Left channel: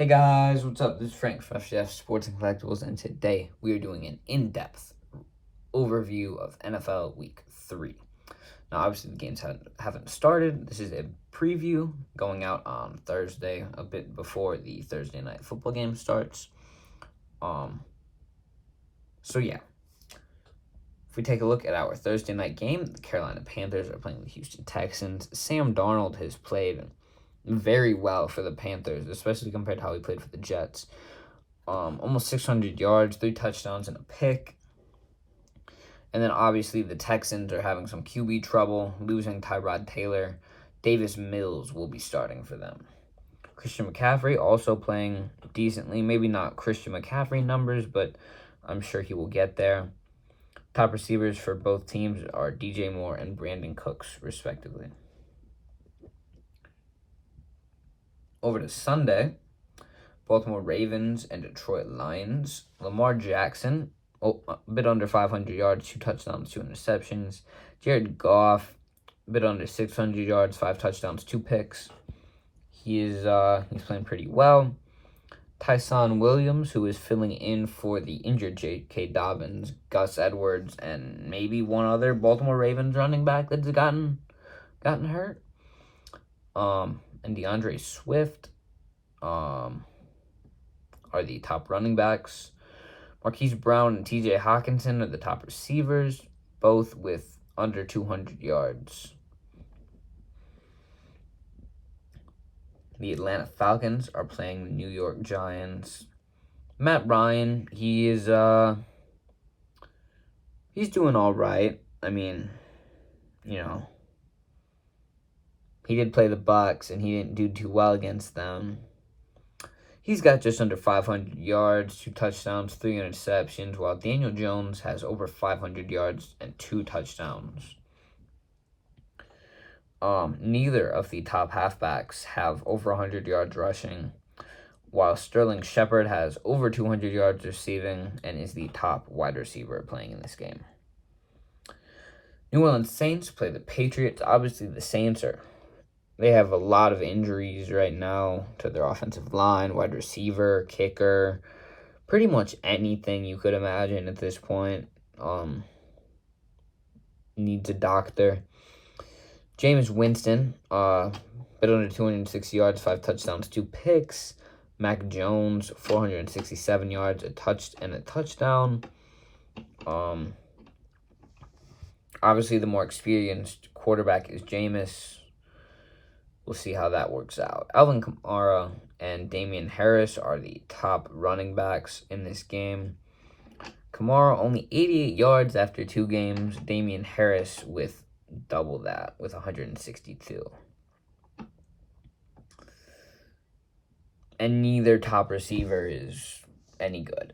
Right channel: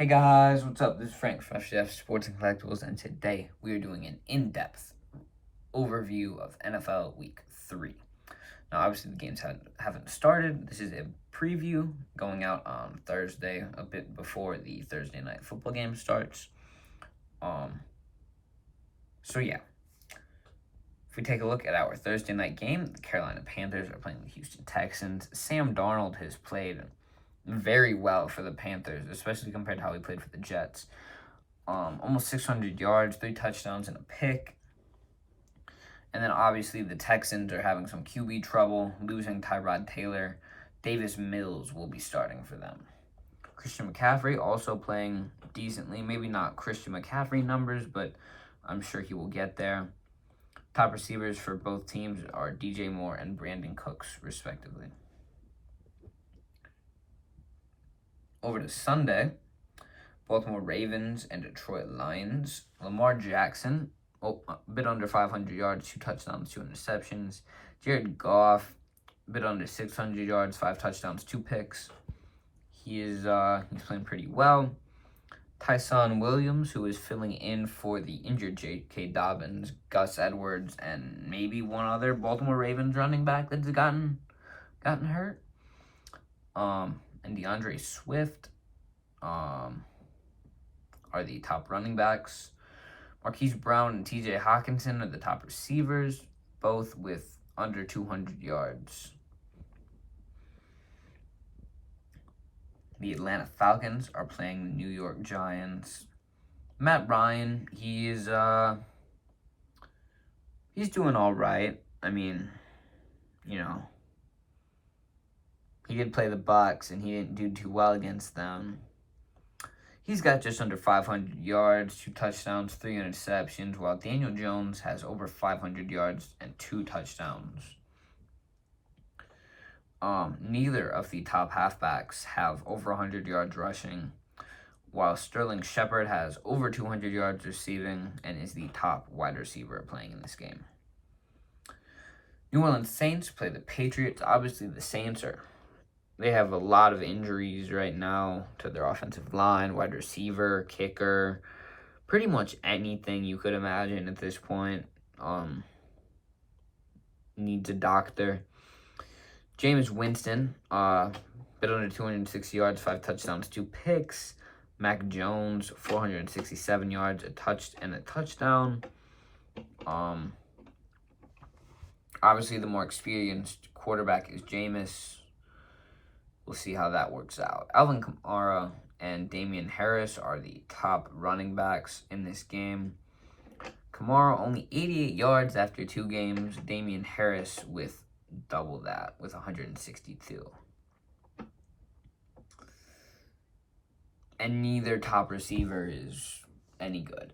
Hey guys, what's up? This is Frank from FGF Sports and Collectibles, and today we are doing an in-depth overview of NFL Week 3. Now, obviously, the games haven't started. This is a preview going out on Thursday, a bit before the Thursday night football game starts. Yeah. If we take a look at our Thursday night game, the Carolina Panthers are playing the Houston Texans. Sam Darnold has played very well for the Panthers, especially compared to how he played for the Jets. Almost 600 yards, 3 touchdowns, and a pick. And then obviously the Texans are having some QB trouble, losing Tyrod Taylor. Davis Mills will be starting for them. Christian McCaffrey also playing decently. Maybe not Christian McCaffrey numbers, but I'm sure he will get there. Top receivers for both teams are DJ Moore and Brandon Cooks, respectively. Over to Sunday, Baltimore Ravens and Detroit Lions. Lamar Jackson, a bit under 500 yards, 2 touchdowns, 2 interceptions. Jared Goff, a bit under 600 yards, 5 touchdowns, 2 picks. He's playing pretty well. Tyson Williams, who is filling in for the injured J.K. Dobbins, Gus Edwards, and maybe one other Baltimore Ravens running back that's gotten hurt. And DeAndre Swift are the top running backs. Marquise Brown and TJ Hawkinson are the top receivers, both with under 200 yards. The Atlanta Falcons are playing the New York Giants. Matt Ryan, he's doing all right. I mean, he did play the Bucs, and he didn't do too well against them. He's got just under 500 yards, 2 touchdowns, 3 interceptions, while Daniel Jones has over 500 yards and 2 touchdowns. Neither of the top halfbacks have over 100 yards rushing, while Sterling Shepard has over 200 yards receiving and is the top wide receiver playing in this game. New Orleans Saints play the Patriots. Obviously, the Saints they have a lot of injuries right now to their offensive line, wide receiver, kicker, pretty much anything you could imagine at this point needs a doctor. Jameis Winston, bit under 260 yards, 5 touchdowns, 2 picks. Mac Jones, 467 yards, a touchdown. Obviously, the more experienced quarterback is Jameis. We'll see how that works out. Alvin Kamara and Damian Harris are the top running backs in this game. Kamara only 88 yards after 2 games. Damian Harris with double that, with 162. And neither top receiver is any good.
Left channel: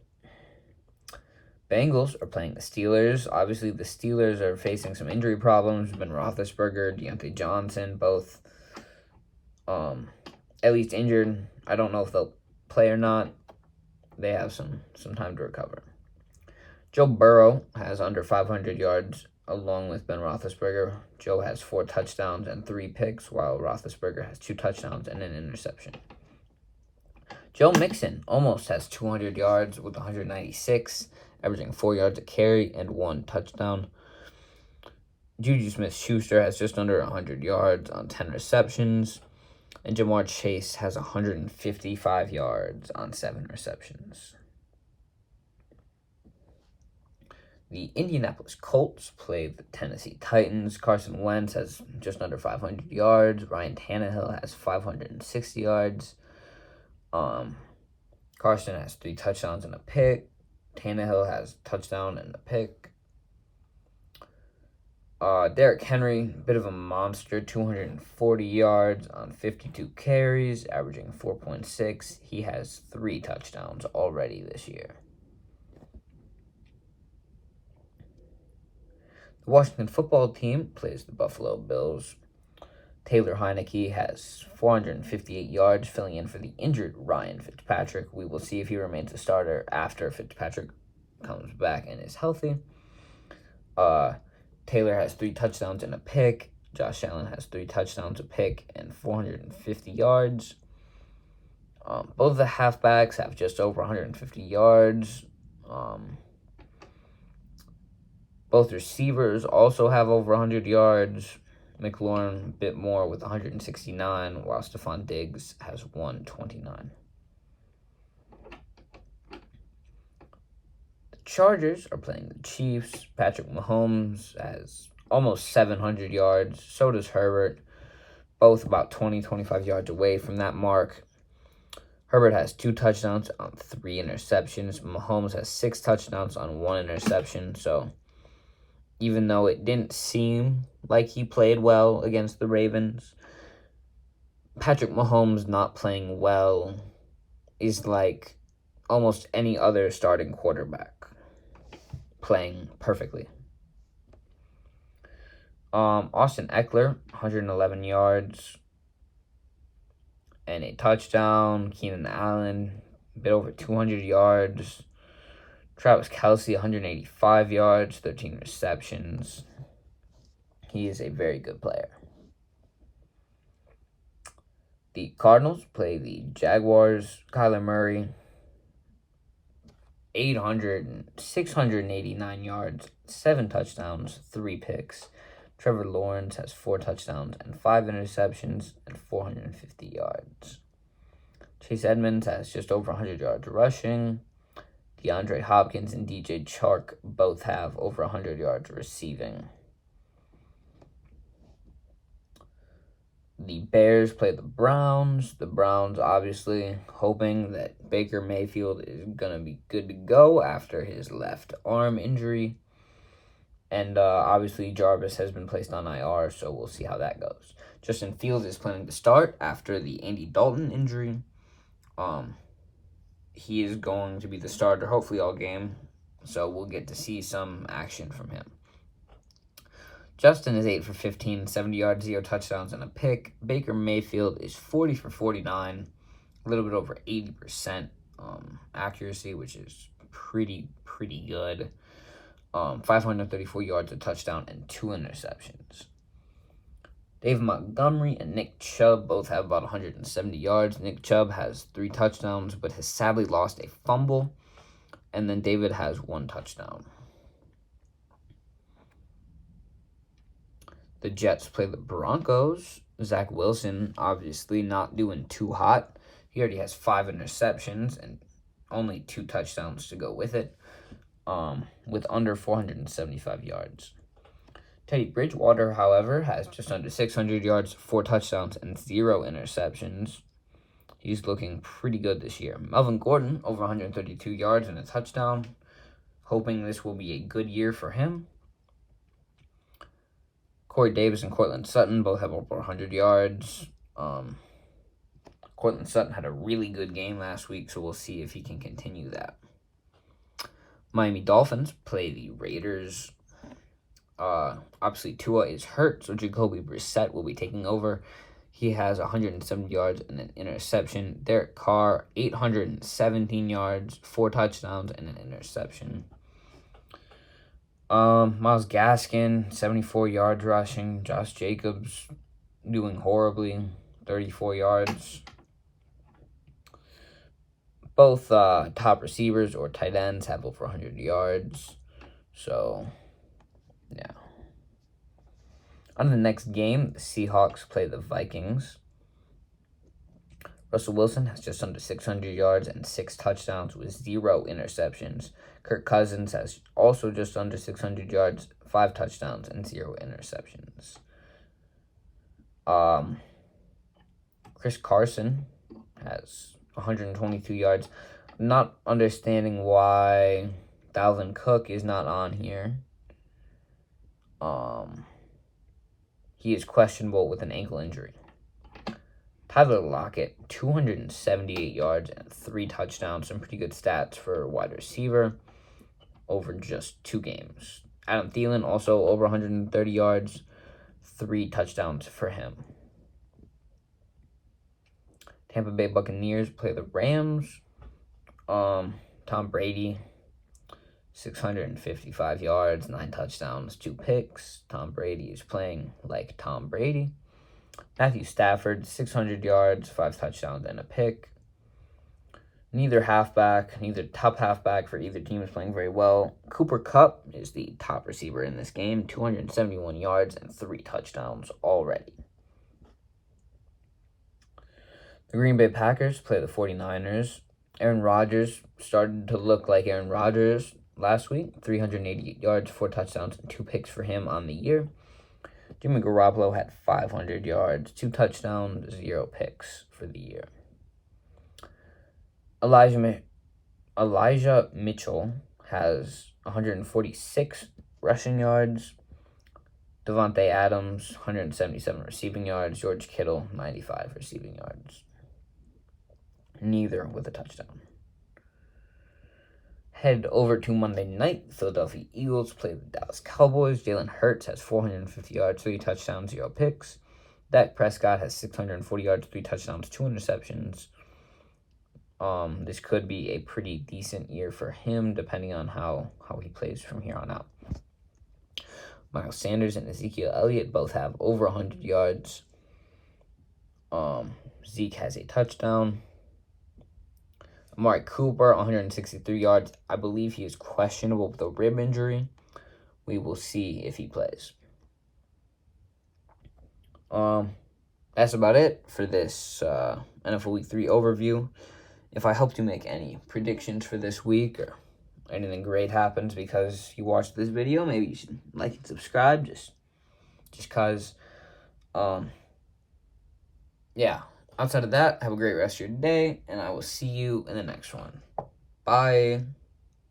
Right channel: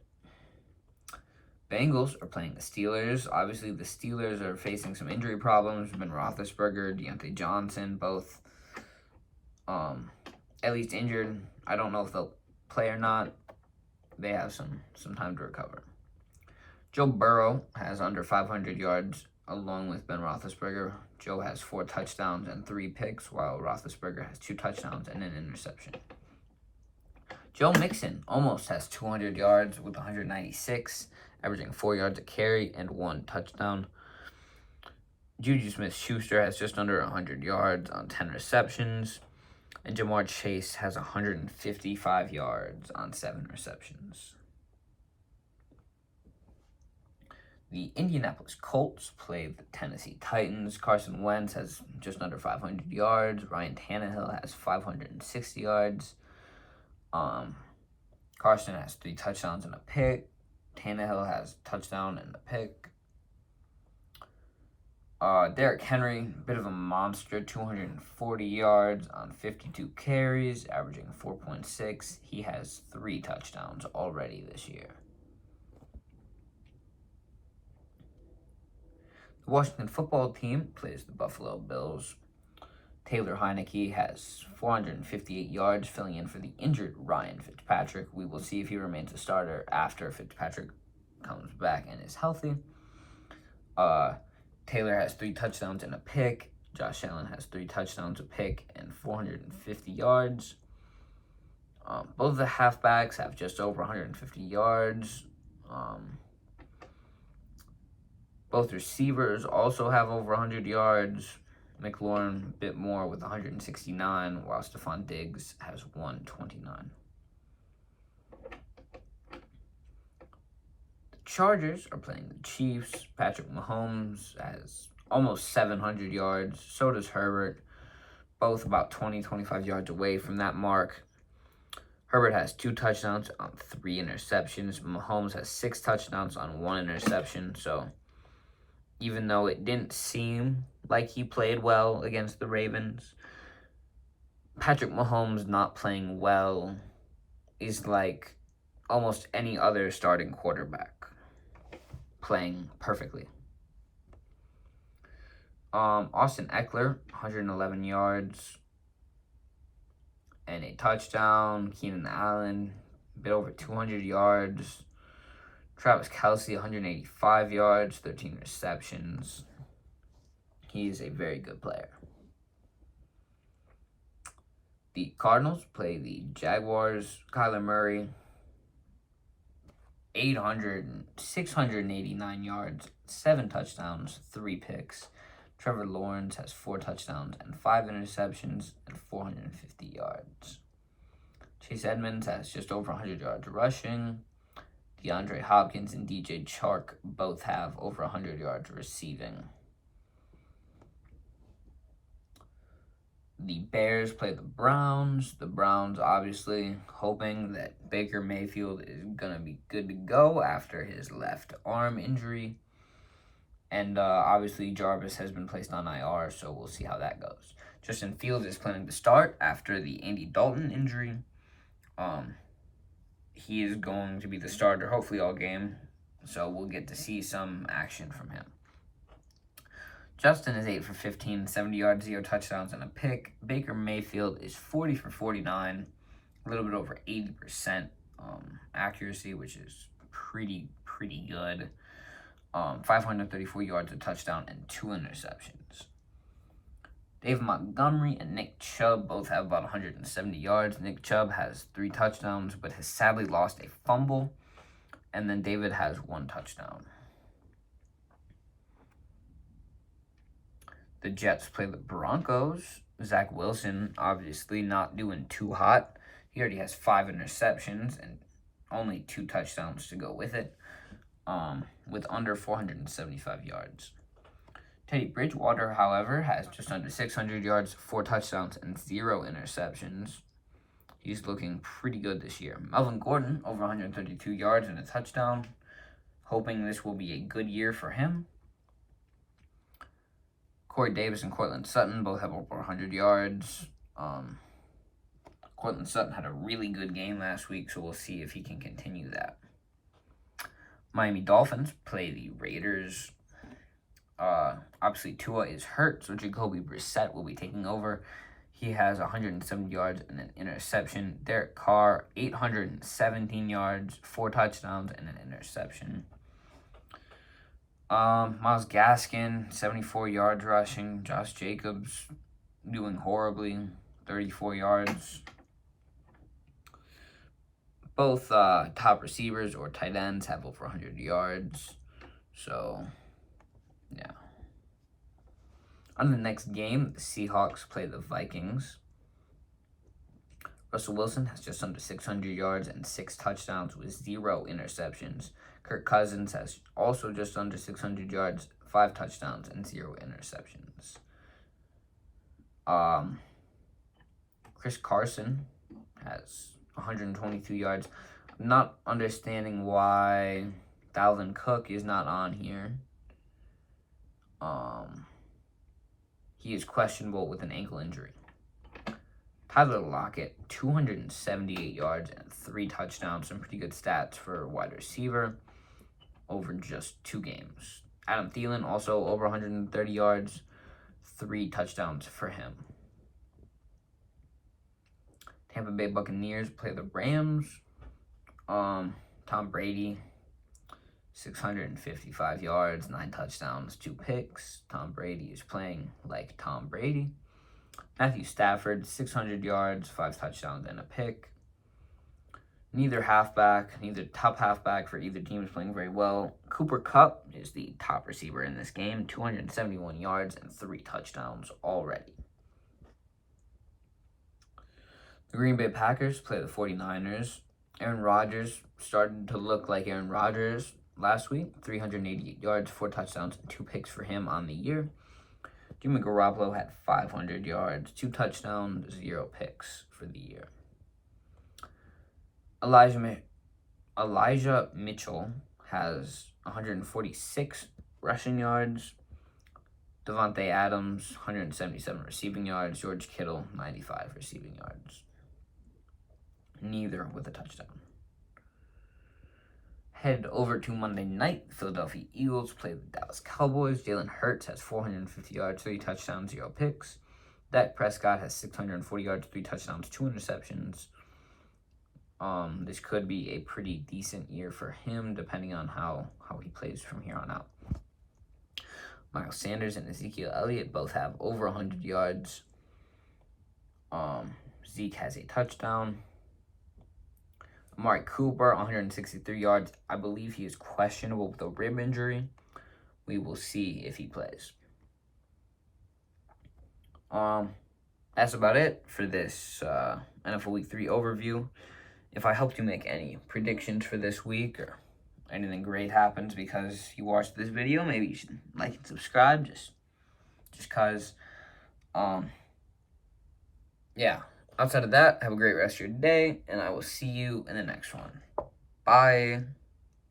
Bengals are playing the Steelers. Obviously, the Steelers are facing some injury problems. Ben Roethlisberger, Deontay Johnson, both at least injured. I don't know if they'll play or not. They have some time to recover. Joe Burrow has under 500 yards along with Ben Roethlisberger. Joe has 4 touchdowns and 3 picks, while Roethlisberger has 2 touchdowns and an interception. Joe Mixon almost has 200 yards with 196, averaging 4 yards a carry and 1 touchdown. Juju Smith-Schuster has just under 100 yards on 10 receptions. And Jamar Chase has 155 yards on 7 receptions. The Indianapolis Colts play the Tennessee Titans. Carson Wentz has just under 500 yards. Ryan Tannehill has 560 yards. Carson has 3 touchdowns and a pick. Tannehill has a touchdown and a pick. Derrick Henry, bit of a monster, 240 yards on 52 carries, averaging 4.6. He has 3 touchdowns already this year. The Washington football team plays the Buffalo Bills. Taylor Heineke has 458 yards, filling in for the injured Ryan Fitzpatrick. We will see if he remains a starter after Fitzpatrick comes back and is healthy. Taylor has 3 touchdowns and a pick. Josh Allen has 3 touchdowns, a pick, and 450 yards. Both of the halfbacks have just over 150 yards. Both receivers also have over 100 yards. McLaurin a bit more with 169, while Stephon Diggs has 129. The Chargers are playing the Chiefs. Patrick Mahomes has almost 700 yards. So does Herbert. Both about 25 yards away from that mark. Herbert has 2 touchdowns on 3 interceptions. Mahomes has 6 touchdowns on 1 interception. So even though it didn't seem like he played well against the Ravens, Patrick Mahomes not playing well is like almost any other starting quarterback playing perfectly. Austin Eckler, 111 yards and a touchdown. Keenan Allen, a bit over 200 yards. Travis Kelce, 185 yards, 13 receptions. He is a very good player. The Cardinals play the Jaguars. Kyler Murray, 689 yards, 7 touchdowns, 3 picks. Trevor Lawrence has 4 touchdowns and 5 interceptions and 450 yards. Chase Edmonds has just over 100 yards rushing. DeAndre Hopkins and DJ Chark both have over 100 yards receiving. The Bears play the Browns. The Browns obviously hoping that Baker Mayfield is going to be good to go after his left arm injury. And obviously Jarvis has been placed on IR, so we'll see how that goes. Justin Fields is planning to start after the Andy Dalton injury. He is going to be the starter hopefully all game, so we'll get to see some action from him. Justin is 8 for 15, 70 yards, 0 touchdowns, and a pick. Baker Mayfield is 40 for 49, a little bit over 80% accuracy, which is pretty good. 534 yards, a touchdown, and 2 interceptions. Dave Montgomery and Nick Chubb both have about 170 yards. Nick Chubb has 3 touchdowns, but has sadly lost a fumble. And then David has 1 touchdown. The Jets play the Broncos. Zach Wilson obviously not doing too hot. He already has 5 interceptions and only 2 touchdowns to go with it, with under 475 yards. Teddy Bridgewater, however, has just under 600 yards, 4 touchdowns, and 0 interceptions. He's looking pretty good this year. Melvin Gordon, over 132 yards and a touchdown. Hoping this will be a good year for him. Corey Davis and Cortland Sutton both have over 100 yards. Cortland Sutton had a really good game last week, so we'll see if he can continue that. Miami Dolphins play the Raiders. Obviously, Tua is hurt, so Jacoby Brissett will be taking over. He has 170 yards and an interception. Derek Carr, 817 yards, 4 touchdowns, and an interception. Myles Gaskin, 74 yards rushing. Josh Jacobs doing horribly, 34 yards. Both top receivers or tight ends have over 100 yards. So, yeah. On the next game, the Seahawks play the Vikings. Russell Wilson has just under 600 yards and 6 touchdowns with 0 interceptions. Kirk Cousins has also just under 600 yards, 5 touchdowns, and 0 interceptions. Chris Carson has 122 yards. I'm not understanding why Dalvin Cook is not on here. He is questionable with an ankle injury. Tyler Lockett, 278 yards and 3 touchdowns. Some pretty good stats for a wide receiver over just 2 games. Adam Thielen, also over 130 yards, 3 touchdowns for him. Tampa Bay Buccaneers play the Rams. Tom Brady, 655 yards, 9 touchdowns, 2 picks. Tom Brady is playing like Tom Brady. Matthew Stafford, 600 yards, 5 touchdowns, and a pick. neither top halfback for either team is playing very well. Cooper Kupp is the top receiver in this game, 271 yards and 3 touchdowns already. The Green Bay Packers play the 49ers. Aaron Rodgers started to look like Aaron Rodgers last week, 388 yards, 4 touchdowns, and 2 picks for him on the year. Jimmy Garoppolo had 500 yards, 2 touchdowns, 0 picks for the year. Elijah Mitchell has 146 rushing yards. Devontae Adams, 177 receiving yards. George Kittle, 95 receiving yards. Neither with a touchdown. Head over to Monday night. Philadelphia Eagles play the Dallas Cowboys. Jalen Hurts has 450 yards, 3 touchdowns, 0 picks. Dak Prescott has 640 yards, 3 touchdowns, 2 interceptions. This could be a pretty decent year for him, depending on how he plays from here on out. Miles Sanders and Ezekiel Elliott both have over 100 yards. Zeke has a touchdown. Amari Cooper, 163 yards. I believe he is questionable with a rib injury. We will see if he plays. That's about it for this NFL Week 3 overview. If I helped you make any predictions for this week or anything great happens because you watched this video, maybe you should like and subscribe just because. Yeah. Outside of that, have a great rest of your day, and I will see you in the next one. Bye.